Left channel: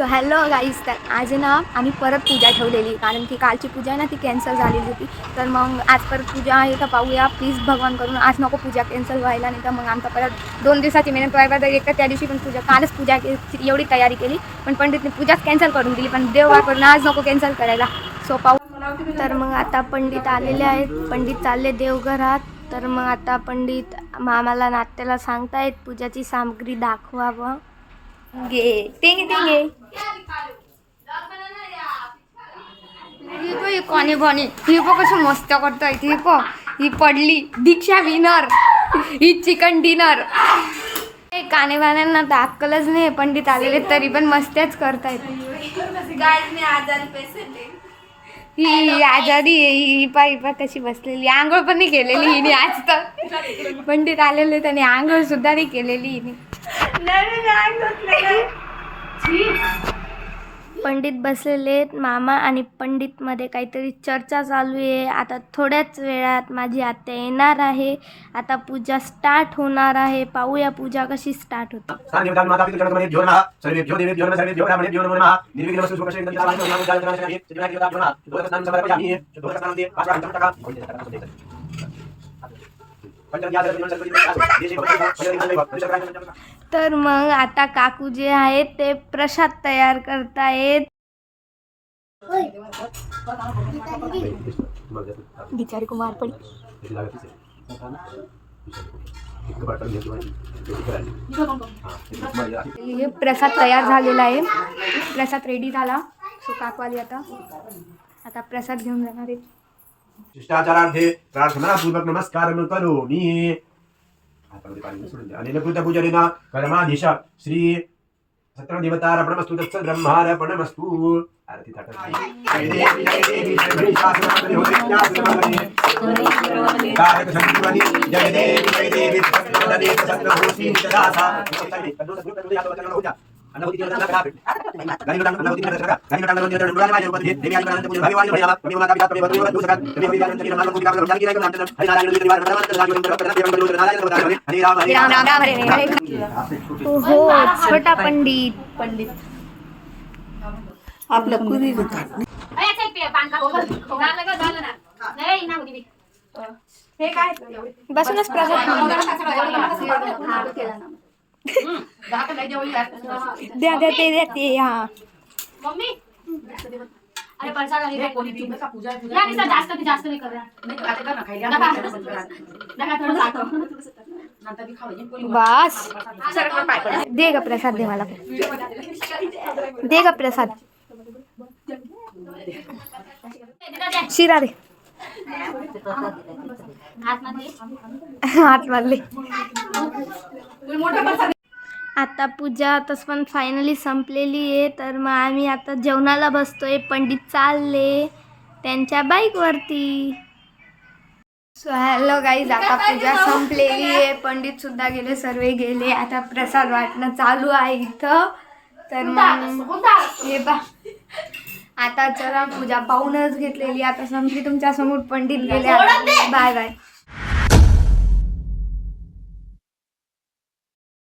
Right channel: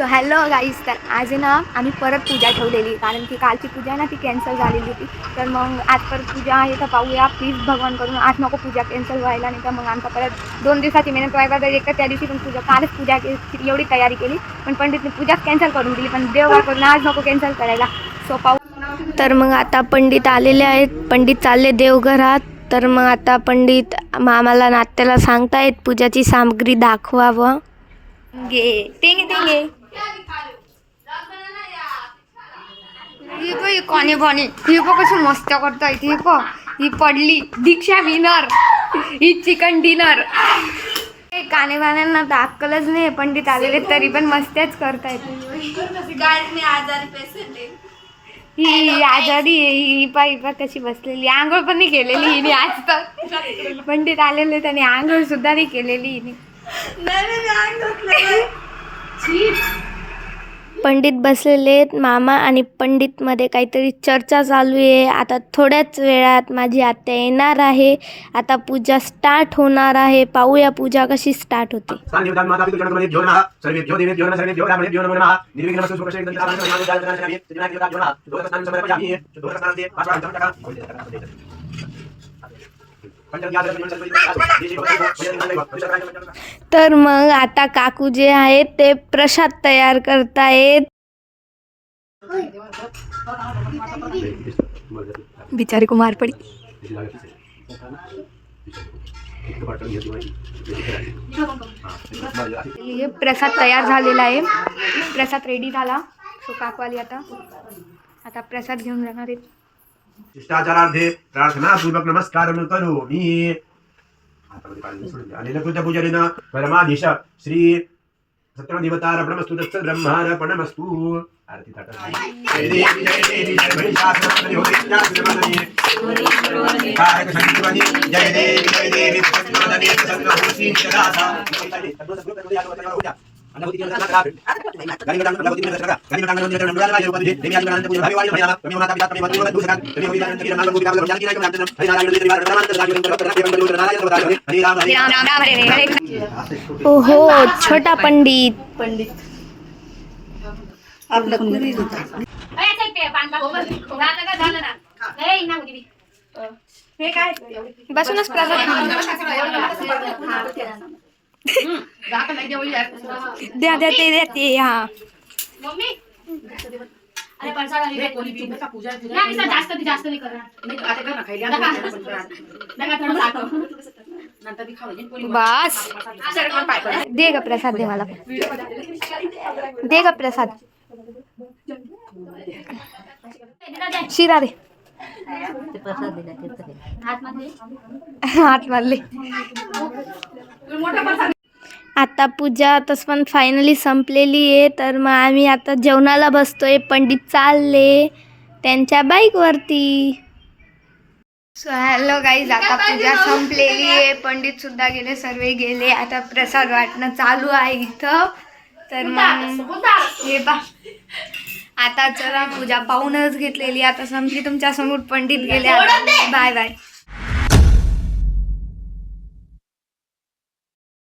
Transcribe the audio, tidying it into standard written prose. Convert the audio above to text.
So hello guys, तर आज ना आम्ही परत पूजा ठेवलेली, कारण की कालची पूजा ना ती कॅन्सल झालेली होती. तर मग आज परत पूजा आहे, तर पाहूया प्लीज भगवान करून आज नको पूजा कॅन्सल व्हायला, नाही तर मग आमचा परत 2 दिवसाची मेहनत व्हायला. तर एक तर त्या दिवशी पण पूजा, कालच पूजा एवढी तयारी केली, पण पंडितने पूजाच कॅन्सल करून दिली. पण देवा करून आज नको कॅन्सल करायला. सो पाहू. तर मग आता पंडित आलेले आहेत, पंडित चालले देवघरात. तर मग आता पंडित आम्हाला नात्याला सांगतायत पूजाची सामग्री दाखवावं. गे टेंगे टेंगे ही पण कोणी बनी ही पण कसं मस्त करताय. ही पण ही पडली दीक्षा विनर, ही चिकन डिनर. कानेवाल्यांना तर अक्कलच नाही, पंडित आलेले तरी पण मस्तच करतायत. मी आजारी पेशंट आहे. ही आजारी आहे, ही पा कशी बसलेली, आंघोळ पण नाही केलेली हिने आज तर. पंडित आलेले त्याने आंघोळ सुद्धा नाही केलेली हिने. पंडित बसलेले आहेत. मामा आणि पंडित मध्ये काहीतरी चर्चा चालू आहे. आता थोड्याच वेळात माझी आत्या येणार आहे. आता पूजा स्टार्ट होणार आहे. पाहूया पूजा कशी स्टार्ट होते. तर मग आता काकू जे आहेत ते प्रसाद तयार करतायत. बिचारी कुमार पडी. प्रसाद तयार झालेला आहे, प्रसाद रेडी झाला. सो काकवाली आता प्रसाद घेऊन जाणार आहेत. शिष्टाचारार्थे प्रार्थनापूर्वक नमस्कार करोमि. अनेन पूजपूजनेन परमाधीश श्री सत्यदेवतार्पणमस्तु तत्सब्रह्मार्पणमस्तु. आरती थाट. जय देवी जय देवी जय महिषासुरमर्दिनी होमिन्यासुरमर्दिनी जय देवी जय देवी प्रसन्नवदने प्रसन्नभूषी निरासा. ओहो, छोटा पंडित बसूनच प्रसाद द्या द्या ते द्या ते. हा जास्त नाही बस दे ग प्रसाद, दे मला, दे ग प्रसाद. शिरा दे आतमधले. आता पूजा तसं पण फायनली संपलेली आहे. तर मग आम्ही आता जेवणाला बसतोय. पंडित चालले त्यांच्या बाईकवरती. सो हॅलो गाईज, आता पूजा संपलेली आहे, पंडित सुद्धा गेले, सर्व गेले. आता प्रसाद वाटणं चालू आहे इथं. तर मग हे आता चला पूजा पाहूनच घेतलेली, आता संपली तुमच्या समोर. पंडित गेले. Bye bye.